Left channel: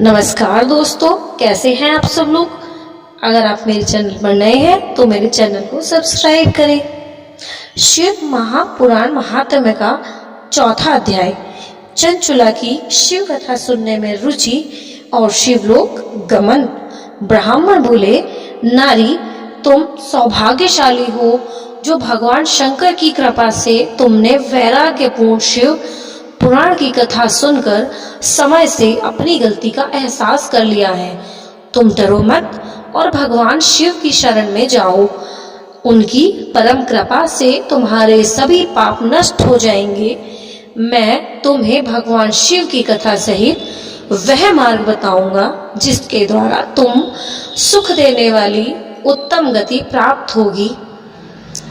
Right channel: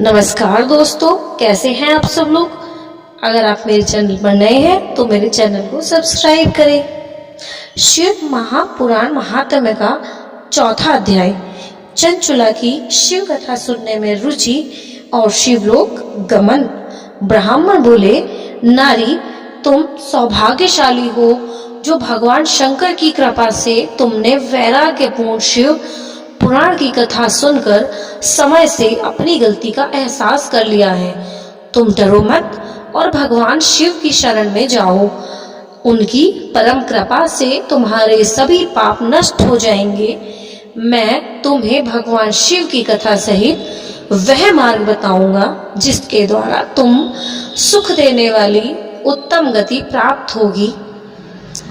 नमस्कार दोस्तों, कैसे हैं आप सब लोग। अगर आप मेरे चैनल पर नए हैं तो मेरे चैनल को सब्सक्राइब करें। शिव महापुराण महात्म्य का चौथा अध्याय, चंचुला की शिव कथा सुनने में रुचि और शिवलोक गमन। ब्राह्मण बोले, नारी तुम सौभाग्यशाली हो जो भगवान शंकर की कृपा से तुमने वैराग्यपूर्ण शिव पुराण की कथा सुनकर समय से अपनी गलती का एहसास कर लिया है। तुम डरो मत और भगवान शिव की शरण में जाओ। उनकी परम कृपा से तुम्हारे सभी पाप नष्ट हो जाएंगे। मैं तुम्हें भगवान शिव की कथा सहित वह मार्ग बताऊंगा जिसके द्वारा तुम सुख देने वाली उत्तम गति प्राप्त होगी।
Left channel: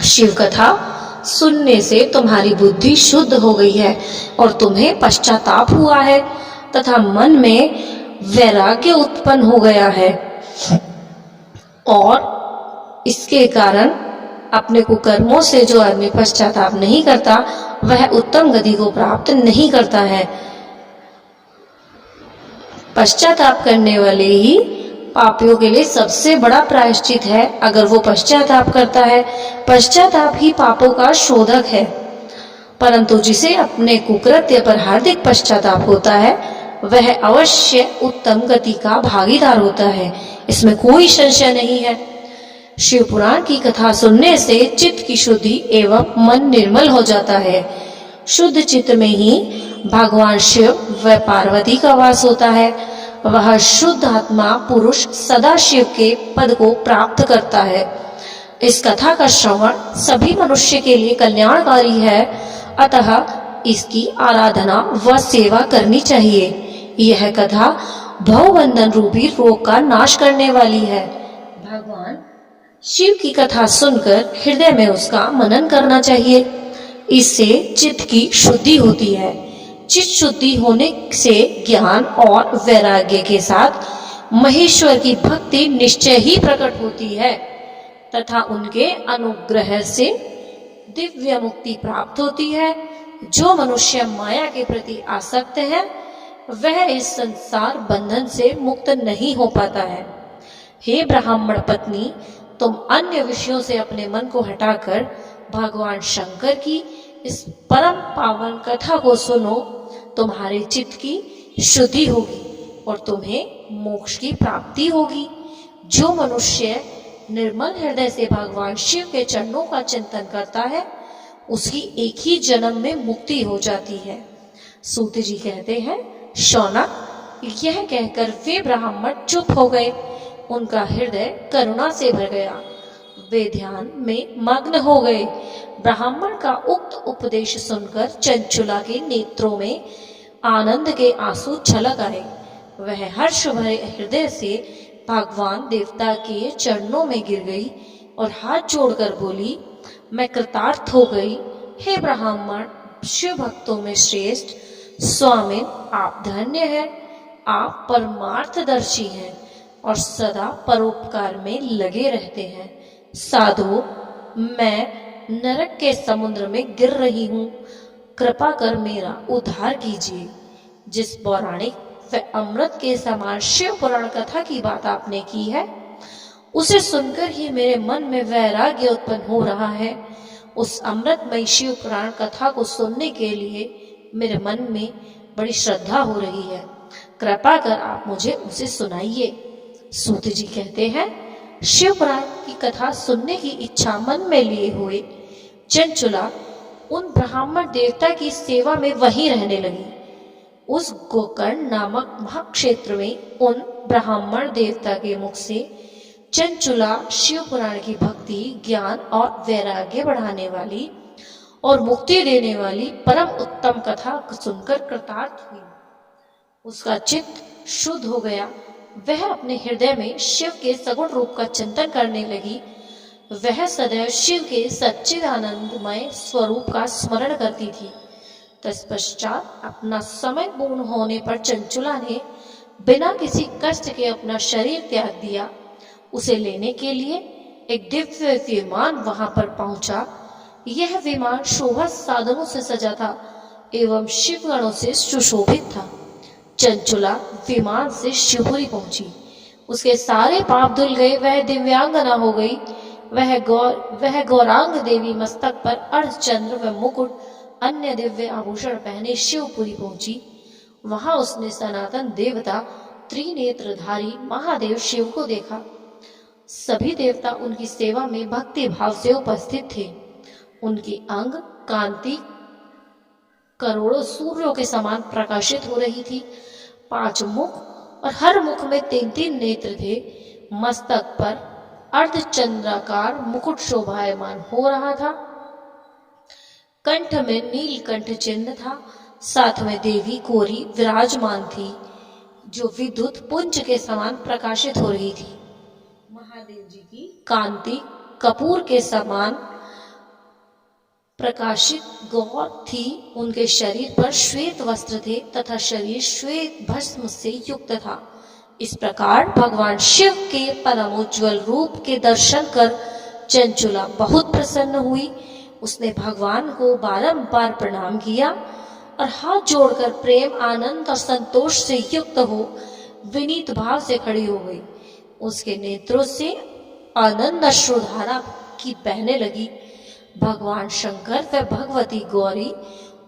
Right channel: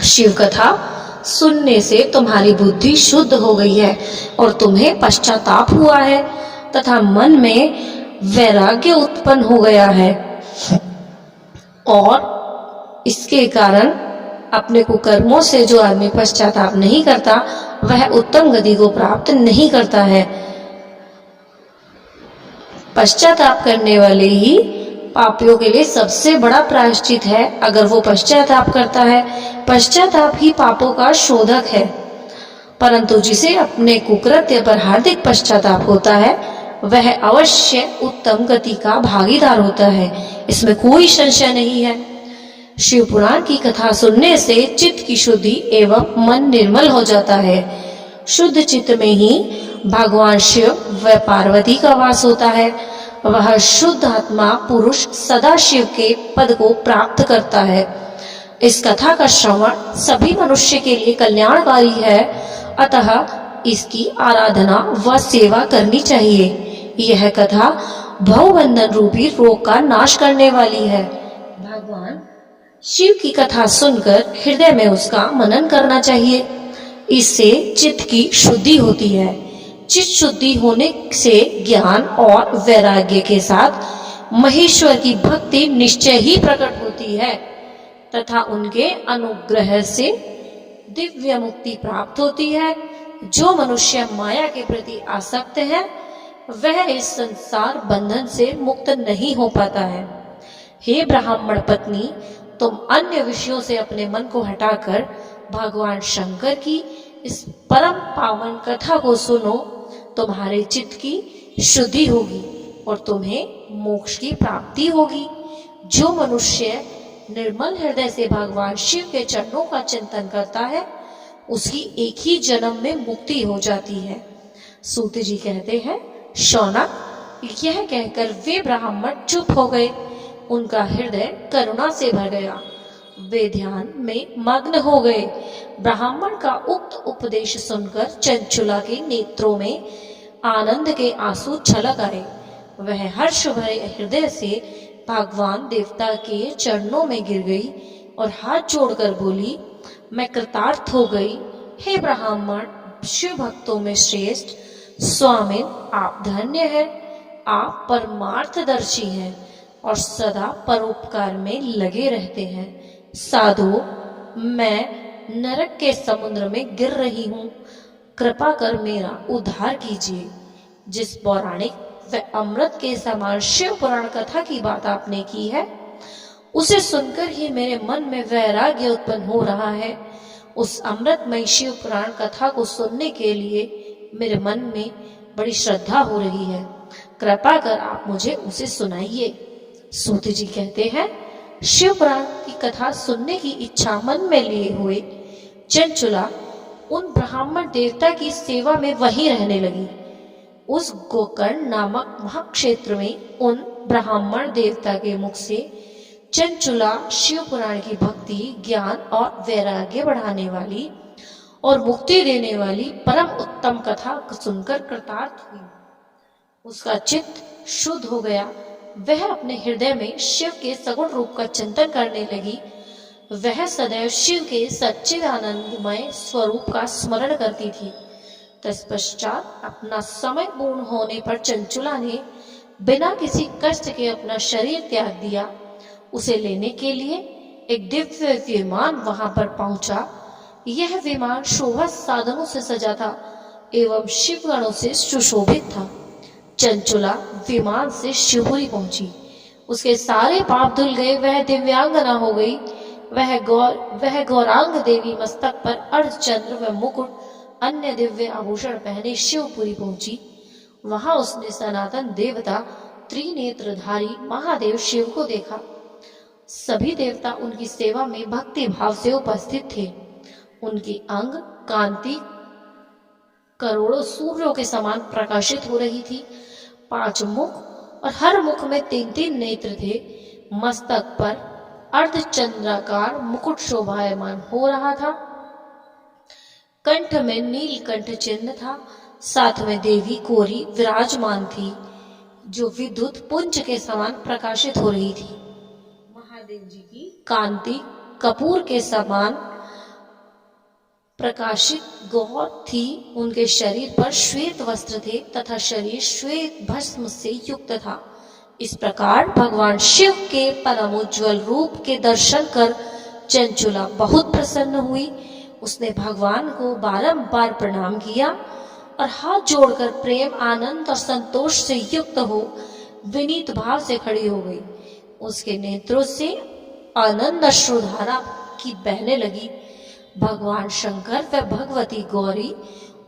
शिव कथा सुनने से तुम्हारी बुद्धि शुद्ध हो गई है और तुम्हें पश्चाताप हुआ है तथा मन में वैराग्य उत्पन्न हो गया है, और इसके कारण अपने कुकर्मों से जो आदमी पश्चाताप नहीं करता वह उत्तम गति को प्राप्त नहीं करता है। पश्चाताप करने वाले ही पापियों के लिए सबसे बड़ा प्रायश्चित है। अगर वो पश्चाताप करता है, पश्चाताप ही पापों का शोधक है। परंतु जिसे अपने कुकृत्य पर हार्दिक पश्चाताप होता है वह अवश्य उत्तम गति का भागीदार होता है, इसमें कोई संशय नहीं है। शिव पुराण की कथा सुनने से चित्त की शुद्धि एवं मन निर्मल हो जाता है। शुद्ध चित्त में ही भगवान शिव व पार्वती का वास होता है। वह शुद्ध आत्मा पुरुष सदा शिव के पद को प्राप्त करता है। इस कथा का श्रवण सभी मनुष्य के लिए कल्याणकारी है, अतः इसकी आराधना व सेवा करनी चाहिए। यह कथा भवबंधन रूपी रोग का नाश करने वाली है। भगवान शिव की कथा सुनकर हृदय में उसका मनन करना चाहिए। इससे चित्त की शुद्धि होती है। चित्त शुद्धि होने से ज्ञान और वैराग्य के साथ महेश्वर की भक्ति निश्चय ही प्रकट होती है तथा उनके अनुग्रह से दिव्य मुक्ति प्राप्त होती है। जो मनुष्य माया के प्रति आसक्त है वह इस संसार बंधन से मुक्त नहीं हो पाता है। हे ब्राह्मण पत्नी, तुम अन्य विषयों से अपने मन को हटाकर भगवान शंकर की इस परम पावन कथा को सुनो। तुम्हारे चित्त की शुद्धि होगी और तुम्हें मोक्ष की प्राप्ति होगी। जो मनुष्य निर्मल हृदय से भगवान शिव के चरणों का चिंतन करता है उसकी एक ही जन्म में मुक्ति हो जाती है। सूत जी कहते हैं, शौनक, यह कहकर वे ब्राह्मण चुप हो गए। उनका हृदय करुणा से भर गया। वे ध्यान में मग्न हो गए। ब्राह्मण का उक्त उपदेश सुनकर चंचुला के नेत्रों में आनंद के आंसू छलक आए। वह हर्ष भरे हृदय से भगवान देवता के चरणों में गिर गई और हाथ जोड़कर बोली, मैं कृतार्थ हो गई। हे ब्राह्मण, शिव भक्तों में श्रेष्ठ स्वामिन, आप धन्य हैं। आप परमार्थदर्शी हैं और सदा परोपकार में लगे रहते हैं। साधु, मैं नरक के समुद्र में गिर रही हूँ, कृपा कर मेरा उद्धार कीजिए। जिस पौराणिक व अमृत के समान शिव पुराण कथा की बात आपने की है उसे सुनकर ही मेरे मन में वैराग्य उत्पन्न हो रहा है। उस अमृतमयी शिव पुराण कथा को सुनने के लिए मेरे मन में बड़ी श्रद्धा हो रही है। कृपा कर आप मुझे उसे सुनाइए। सूत जी कहते हैं, शिव पुराण की कथा सुनने की इच्छा मन में लिए हुए चंचुला उन ब्राह्मण देवता की सेवा में वहीं रहने लगी। उस गोकर्ण नामक महाक्षेत्र में उन ब्राह्मण देवता के मुख से चंचुला शिव पुराण की भक्ति, ज्ञान और वैराग्य बढ़ाने वाली और मुक्ति देने वाली परम उत्तम कथा सुनकर कृतार्थ हुई। उसका चित्त शुद्ध हो गया। वह अपने हृदय में शिव के सगुण रूप का चिंतन करने लगी। वह सदैव शिव के सच्चिदानंदमय स्वरूप का स्मरण करती थी। तत्पश्चात अपना समय पूर्ण होने पर चंचुला ने बिना किसी कष्ट के अपना शरीर त्याग दिया। उसे लेने के लिए एक दिव्य विमान वहां पर पहुंचा। यह विमान शोभा साधनों से सजा था एवं शिवगणों से सुशोभित था। चंचुला विमान से शिवपुरी पहुंची। उसके सारे पाप धुल गए, वह दिव्यांगना हो गई। वह गौरांग देवी मस्तक पर अर्धचंद्र व मुकुट अन्य दिव्य आभूषण पहने शिवपुरी पहुंची। वहां उसने सनातन देवता त्रिनेत्रधारी महादेव शिव को देखा। सभी देवता उनकी सेवा में भक्ति भाव से उपस्थित थे। उनकी अंग कांति करोड़ों सूर्यों के समान प्रकाशित हो रही थी। 5 मुख और हर मुख में 3-3 नेत्र थे। मस्तक पर अर्धचंद्राकार मुकुट शोभायमान हो रहा था। कंठ में नीलकंठ चिन्ह था। साथ में देवी कोरी विराजमान थी, जो विद्युत पुंज के समान प्रकाशित हो रही थी। महादेव जी की कांति कपूर के समान प्रकाशित गौर थी। उनके शरीर पर श्वेत वस्त्र थे तथा शरीर श्वेत भस्म से युक्त था। इस प्रकार भगवान शिव के परमोज्वल रूप के दर्शन कर चंचुला बहुत प्रसन्न हुई। उसने भगवान को बारंबार प्रणाम किया और हाथ जोड़कर प्रेम, आनंद और संतोष से युक्त हो विनीत भाव से खड़ी हो गई। उसके नेत्रों से आनंद अश्रुधारा की बहने लगी। भगवान शंकर व भगवती गौरी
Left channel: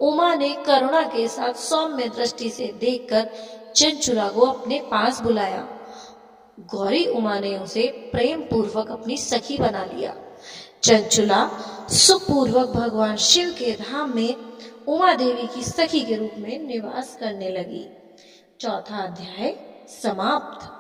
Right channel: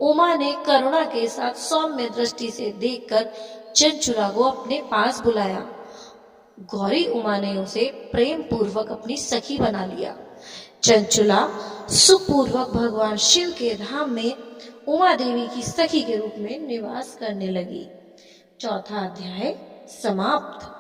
उमा ने करुणा के साथ सौम्य दृष्टि से देखकर चंचुला को अपने पास बुलाया। गौरी उमा ने उसे प्रेम पूर्वक अपनी सखी बना लिया। चंचुला सुखपूर्वक भगवान शिव के धाम में उमा देवी की सखी के रूप में निवास करने लगी। 4था अध्याय समाप्त।